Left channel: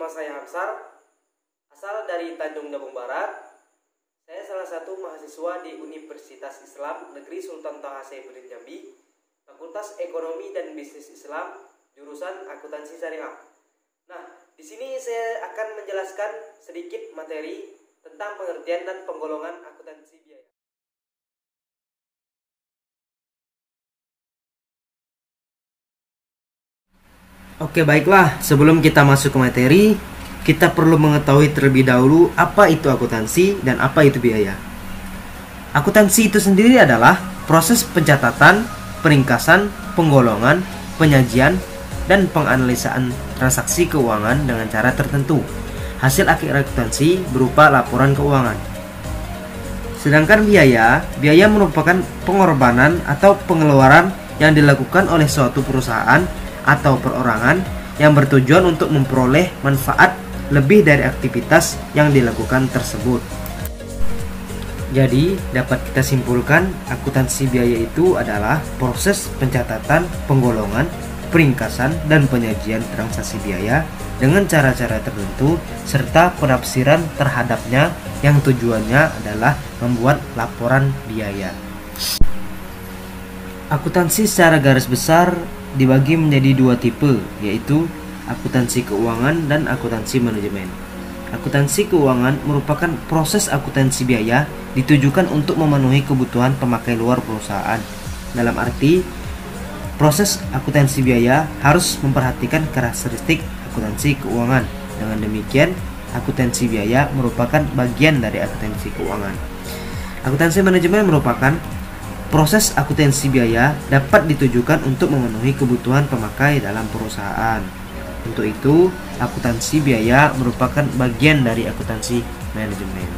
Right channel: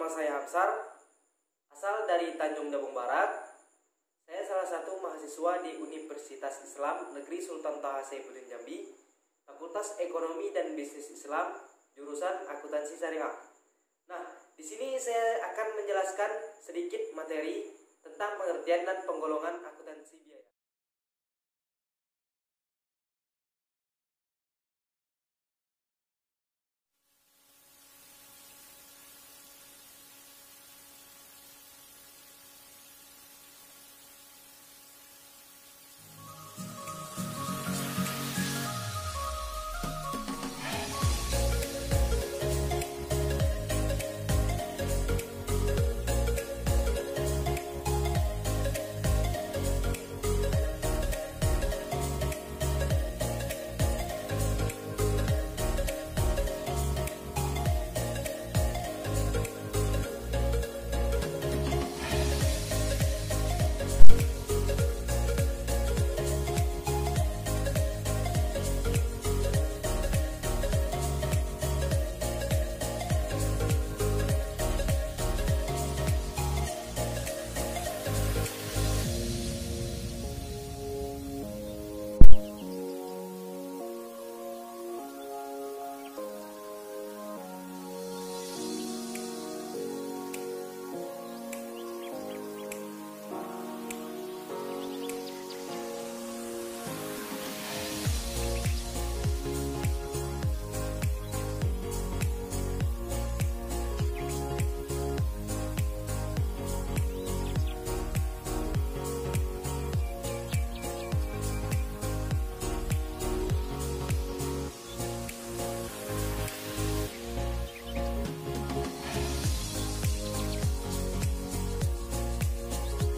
Nama saya Hamsar, asal dari Tanjung Jabung Barat. Saya salah satu mahasiswa di Universitas Islam Negeri Sultan Toha Saifuddin Jambi, Fakultas Ekonomi dan Bisnis Islam, jurusan Akuntansi Syariah. Nah, di sini saya akan menjelaskan sedikit materi tentang pengertian dan penggolongan akuntansi biaya. Oke, baiklah, sebelum kita masuk ke materi, kita perlu mengetahui terlebih dahulu apa itu akuntansi dan apa itu biaya. Akuntansi itu sendiri adalah proses pencatatan, peringkasan, penggolongan, penyajian, dan penganalisaan transaksi keuangan dengan cara tertentu. Hasil akhir akuntansi berupa laporan keuangan. Sedangkan biaya merupakan pengorbanan atau pengeluaran yang dilakukan oleh suatu perusahaan atau perorangan yang bertujuan untuk memperoleh manfaat lebih dari aktivitas yang dilakukan tersebut. Jadi, dapat kita simpulkan akuntansi biaya itu adalah proses pencatatan, penggolongan, peringkasan, dan penyajian transaksi biaya dengan cara-cara tertentu serta penafsiran terhadapnya yang tujuannya adalah membuat laporan biaya. Akuntansi secara garis besar dibagi menjadi dua tipe, yaitu akuntansi keuangan dan akuntansi manajemen. Akuntansi keuangan merupakan proses akuntansi biaya ditujukan untuk memenuhi kebutuhan pemakai luar perusahaan. Dalam arti, proses akuntansi biaya harus memperhatikan karakteristik akuntansi keuangan. Dengan demikian, akuntansi biaya merupakan bagian dari akuntansi keuangan. Akuntansi manajemen merupakan proses akuntansi biaya dapat ditujukan untuk memenuhi kebutuhan pemakai dalam perusahaan. Untuk itu, akuntansi biaya merupakan bagian dari akuntansi manajemen.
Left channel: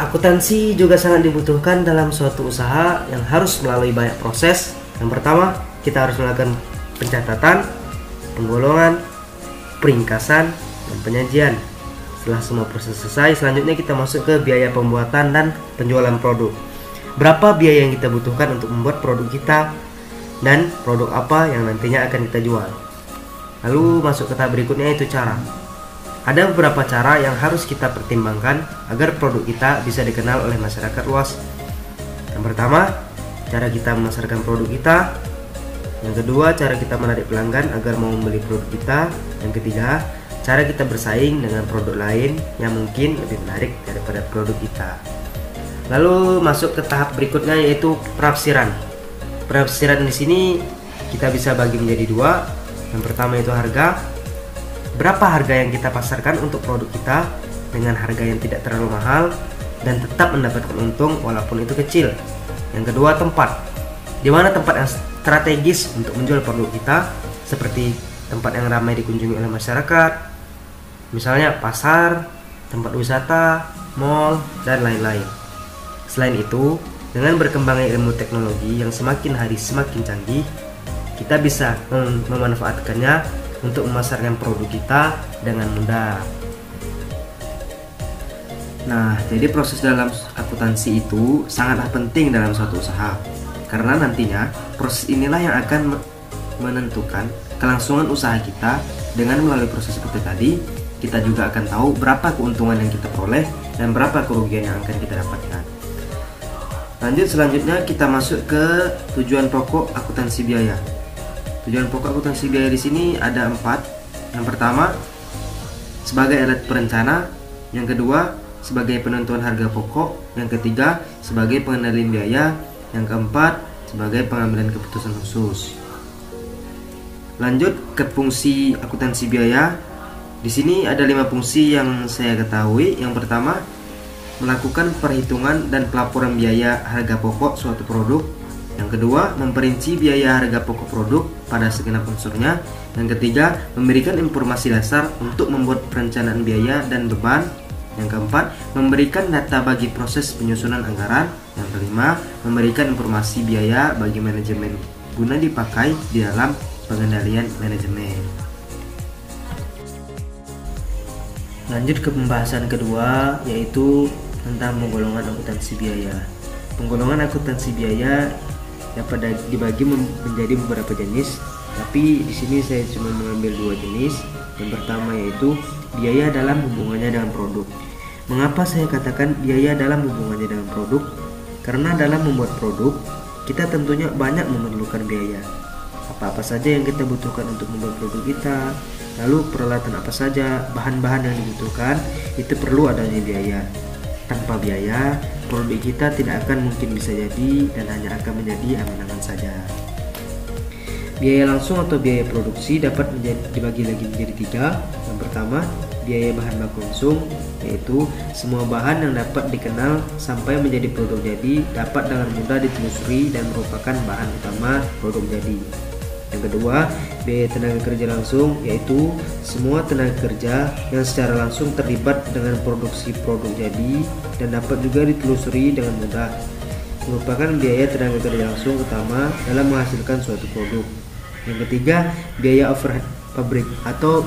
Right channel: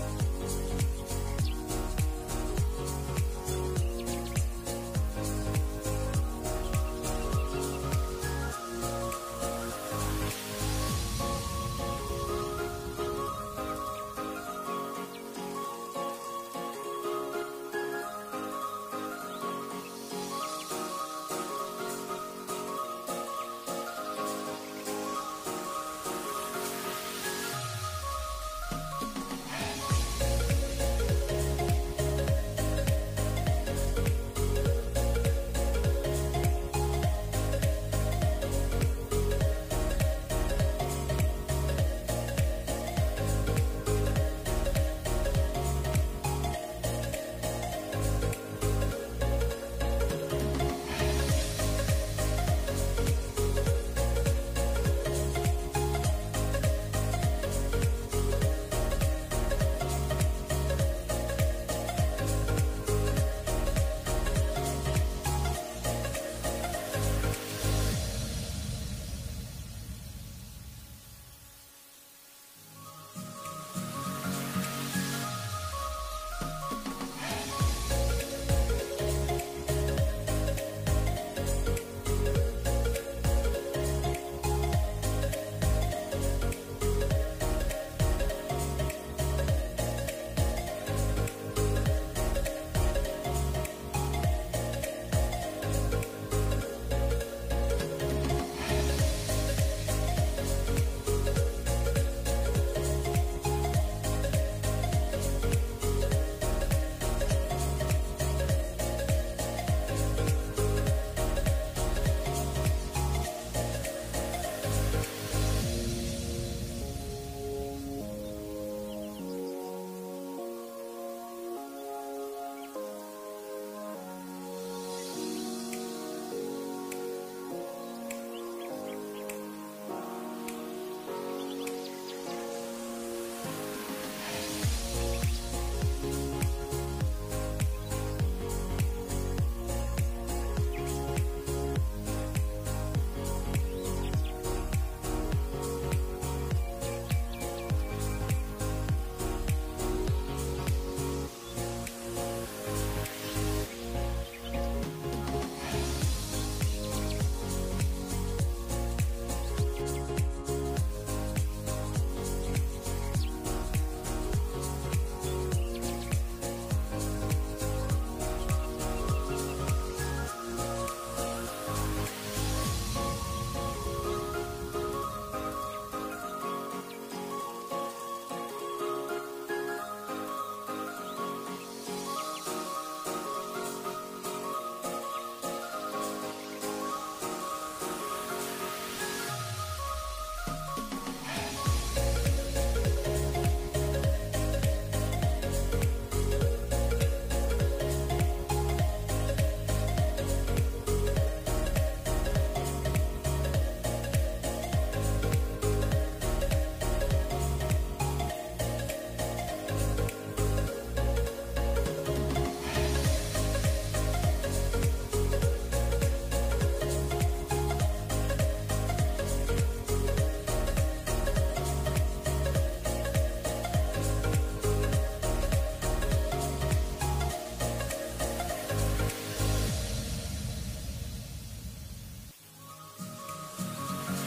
Akuntansi juga sangat dibutuhkan dalam suatu usaha yang harus melalui banyak proses. Yang pertama, kita harus melakukan pencatatan, penggolongan, peringkasan, dan penyajian. Setelah semua proses selesai, selanjutnya kita masuk ke biaya pembuatan dan penjualan produk. Berapa biaya yang kita butuhkan untuk membuat produk kita dan produk apa yang nantinya akan kita jual. Lalu masuk ke tahap berikutnya, yaitu cara. Ada beberapa cara yang harus kita pertimbangkan agar produk kita bisa dikenal oleh masyarakat luas. Yang pertama, cara kita memasarkan produk kita. Yang kedua, cara kita menarik pelanggan agar mau membeli produk kita. Yang ketiga, cara kita bersaing dengan produk lain yang mungkin lebih menarik daripada produk kita. Lalu masuk ke tahap berikutnya, yaitu penafsiran. Penafsiran di sini kita bisa bagi menjadi dua. Yang pertama itu harga. Berapa harga yang kita pasarkan untuk produk kita dengan harga yang tidak terlalu mahal dan tetap mendapatkan untung walaupun itu kecil. Yang kedua, tempat. Di mana tempat yang strategis untuk menjual produk kita, seperti tempat yang ramai dikunjungi oleh masyarakat, misalnya pasar, tempat wisata, mal, dan lain-lain. Selain itu, dengan berkembangnya ilmu teknologi yang semakin hari semakin canggih, kita bisa memanfaatkannya untuk memasarkan produk kita dengan mudah. Nah, jadi proses dalam akuntansi itu sangatlah penting dalam suatu usaha, karena nantinya proses inilah yang akan menentukan kelangsungan usaha kita. Dengan melalui proses seperti tadi, kita juga akan tahu berapa keuntungan yang kita peroleh dan berapa kerugian yang akan kita dapatkan. Selanjutnya kita masuk ke tujuan pokok akuntansi biaya. Tujuan pokok akuntansi biaya di sini ada 4. Yang pertama, sebagai alat perencana. Yang kedua, sebagai penentuan harga pokok. Yang ketiga, sebagai pengendalian biaya. Yang keempat, sebagai pengambilan keputusan khusus. Lanjut ke fungsi akuntansi biaya. Di sini ada 5 fungsi yang saya ketahui. Yang pertama, melakukan perhitungan dan pelaporan biaya harga pokok suatu produk. Yang kedua, memperinci biaya harga pokok produk pada segenap unsurnya. Yang ketiga, memberikan informasi dasar untuk membuat perencanaan biaya dan beban. Yang keempat, memberikan data bagi proses penyusunan anggaran. Yang kelima, memberikan informasi biaya bagi manajemen guna dipakai di dalam pengendalian manajemen. Lanjut ke pembahasan kedua, yaitu tentang penggolongan akuntansi biaya. Penggolongan akuntansi biaya dapat dibagi menjadi beberapa jenis, tapi di sini saya cuma mengambil 2 jenis, Yang pertama yaitu biaya dalam hubungannya dengan produk. Mengapa saya katakan biaya dalam hubungannya dengan produk? Karena dalam membuat produk, kita tentunya banyak memerlukan biaya. Apa-apa saja yang kita butuhkan untuk membuat produk kita, lalu peralatan apa saja, bahan-bahan yang dibutuhkan, itu perlu adanya biaya. Tanpa biaya, produk kita tidak akan mungkin bisa jadi dan hanya akan menjadi angan-angan saja. Biaya langsung atau biaya produksi dapat dibagi lagi menjadi 3. Yang pertama, biaya bahan baku langsung, yaitu semua bahan yang dapat dikenal sampai menjadi produk jadi dapat dengan mudah ditelusuri dan merupakan bahan utama produk jadi. Yang kedua, biaya tenaga kerja langsung, yaitu semua tenaga kerja yang secara langsung terlibat dengan produksi produk jadi dan dapat juga ditelusuri dengan mudah, merupakan biaya tenaga kerja langsung utama dalam menghasilkan suatu produk. Yang ketiga, biaya overhead pabrik atau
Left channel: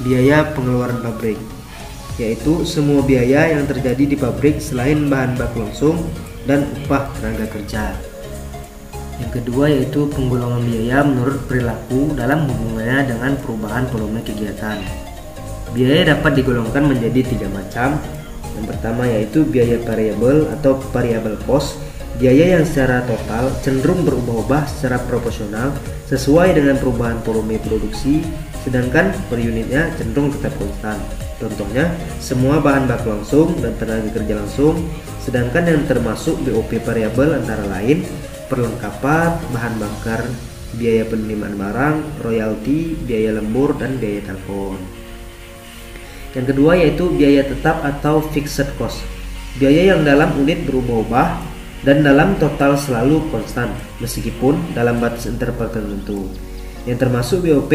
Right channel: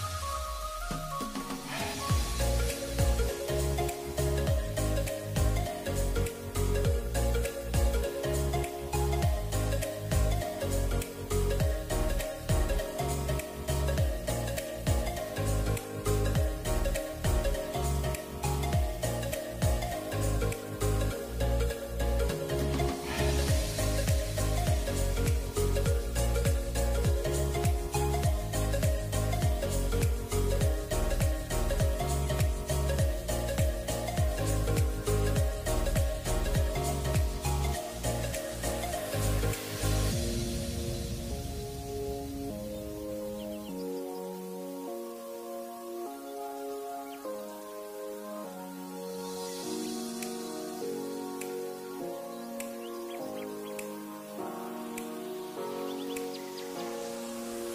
biaya pengeluaran pabrik, yaitu semua biaya yang terjadi di pabrik selain bahan baku langsung dan upah tenaga kerja. Yang kedua yaitu penggolongan biaya menurut perilaku dalam hubungannya dengan perubahan volume kegiatan. Biaya dapat digolongkan menjadi 3 macam. Yang pertama yaitu biaya variabel atau variable cost, biaya yang secara total cenderung berubah-ubah secara proporsional sesuai dengan perubahan volume produksi, sedangkan per unitnya cenderung tetap konstan. Contohnya, semua bahan baku langsung dan tenaga kerja langsung, sedangkan yang termasuk BOP variabel antara lain perlengkapan, bahan bakar, biaya penerimaan barang, royalti, biaya lembur, dan biaya telepon. Yang kedua yaitu biaya tetap atau fixed cost, biaya yang dalam unit berubah-ubah dan dalam total selalu konstan meskipun dalam batas interval tertentu. Yang termasuk BOP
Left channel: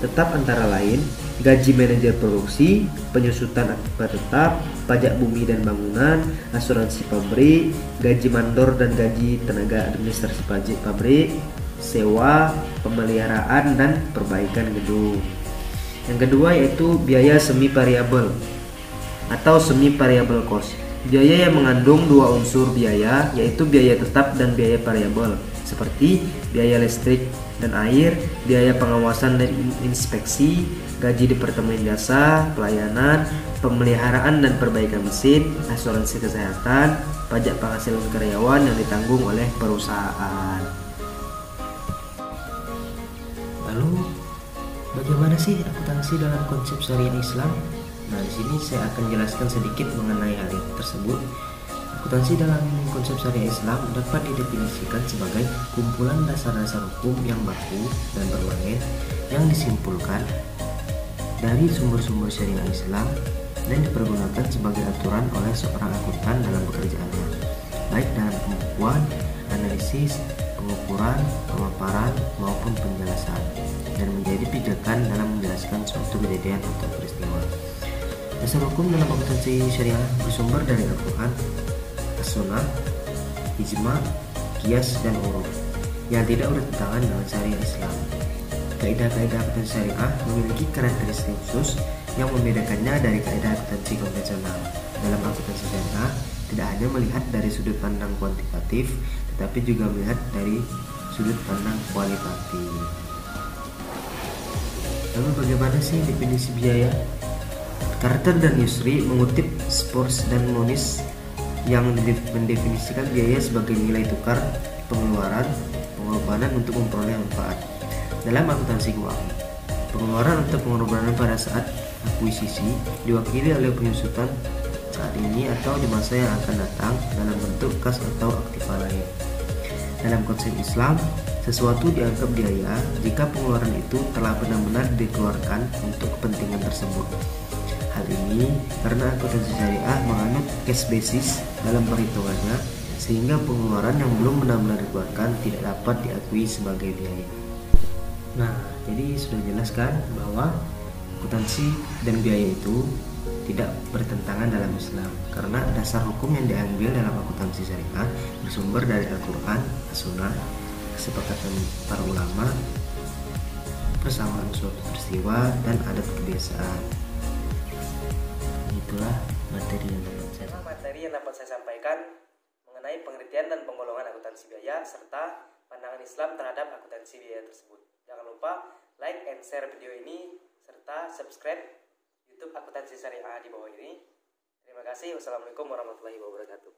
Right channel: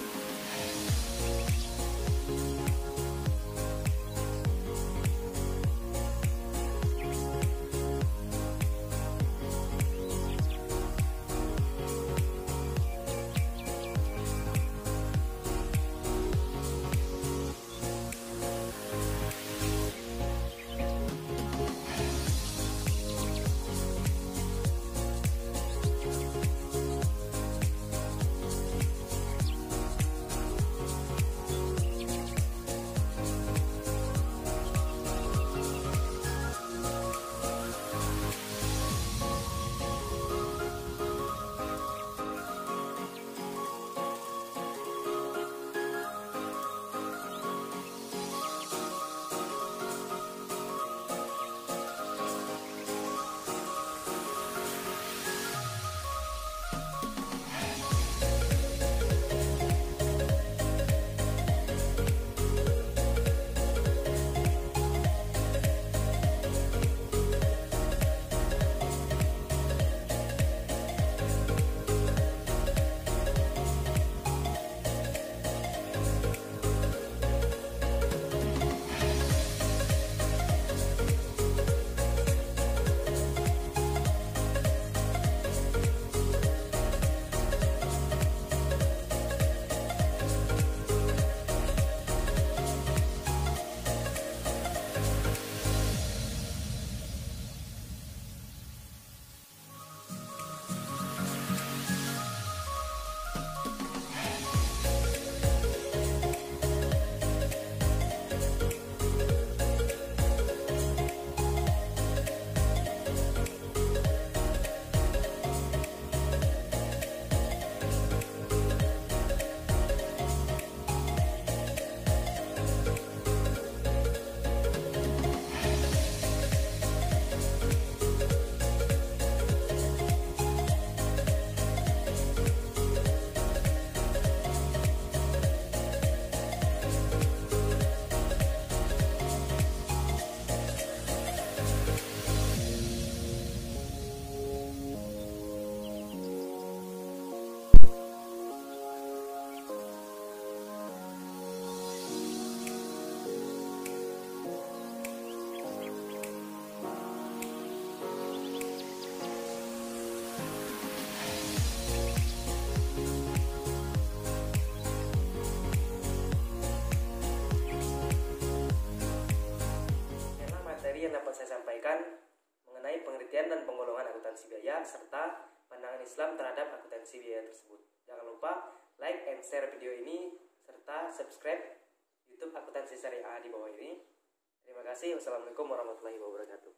tetap antara lain gaji manajer produksi, penyusutan akibat tetap, pajak bumi dan bangunan, asuransi pabrik, gaji mandor dan gaji tenaga administrasi pajak pabrik, sewa, pemeliharaan dan perbaikan gedung. Yang kedua yaitu biaya semi variabel atau semi variable cost, biaya yang mengandung 2 unsur biaya yaitu biaya tetap dan biaya variabel, seperti biaya listrik dan air, biaya pengawasan dan inspeksi, gaji departemen jasa, pelayanan, pemeliharaan dan perbaikan mesin, asuransi kesehatan, pajak penghasilan karyawan yang ditanggung oleh perusahaan. Lalu, bagaimana sih akuntansi dalam konsep syariah Islam? Nah, di sini saya akan jelaskan sedikit mengenai hal tersebut. Akuntansi dalam konsep syariah Islam dapat didefinisikan sebagai kumpulan dasar-dasar hukum yang baku dan berbagai yang disimpulkan dari sumber-sumber syariah Islam dan dipergunakan sebagai aturan oleh seorang akuntan dalam pekerjaannya, baik dalam pembukuan, analisis, pengukuran, pemaparan maupun penjelasan, dan menjadi pijakan dalam menjelaskan suatu kejadian atau peristiwa. Dasar hukum dalam akuntansi syariah bersumber dari Al-Quran, As-Sunnah, Ijma, Qiyas, dan Uruf yang tidak bertentangan dengan syariah Islam. Kaidah-kaidah akuntansi syariah memiliki karakteristik khusus yang membedakannya dari kaidah akuntansi konvensional. Dalam akuntansi syariah tidak hanya melihat dari sudut pandang kuantitatif, tetapi juga melihat dari sudut pandang kualitatif. Lalu bagaimana sih definisi biaya? Carter dan Yusri mengutip Spors dan Moniz yang mendefinisikan biaya sebagai nilai tukar pengeluaran pengorbanan untuk memperoleh manfaat. Dalam akuntansi keuangan, pengeluaran untuk pengorbanan pada saat akuisisi diwakili oleh penyusutan saat ini atau di masa yang akan datang dalam bentuk kas atau aktiva lain. Dalam konsep Islam, sesuatu dianggap biaya jika pengeluaran itu telah benar-benar dikeluarkan untuk kepentingan tersebut. Hal ini karena akuntansi syariah menganut cash basis dalam perhitungannya, sehingga pengeluaran yang belum benar-benar dikeluarkan tidak dapat diakui sebagai biaya. Nah, jadi sudah jelas kan bahwa akuntansi dan biaya itu tidak bertentangan dalam Islam, karena dasar hukum yang diambil dalam akuntansi syariah bersumber dari Al-Quran, As-Sunnah, kesepakatan para ulama, persamaan suatu peristiwa, dan adat kebiasaan. Itulah materi yang dapat saya sampaikan mengenai pengertian dan penggolongan akuntansi biaya serta pandangan Islam terhadap akuntansi biaya tersebut. Jangan lupa like and share video ini serta serta subscribe YouTube Akuntansi Syariah di bawah ini. Terima kasih. Wassalamualaikum warahmatullahi wabarakatuh.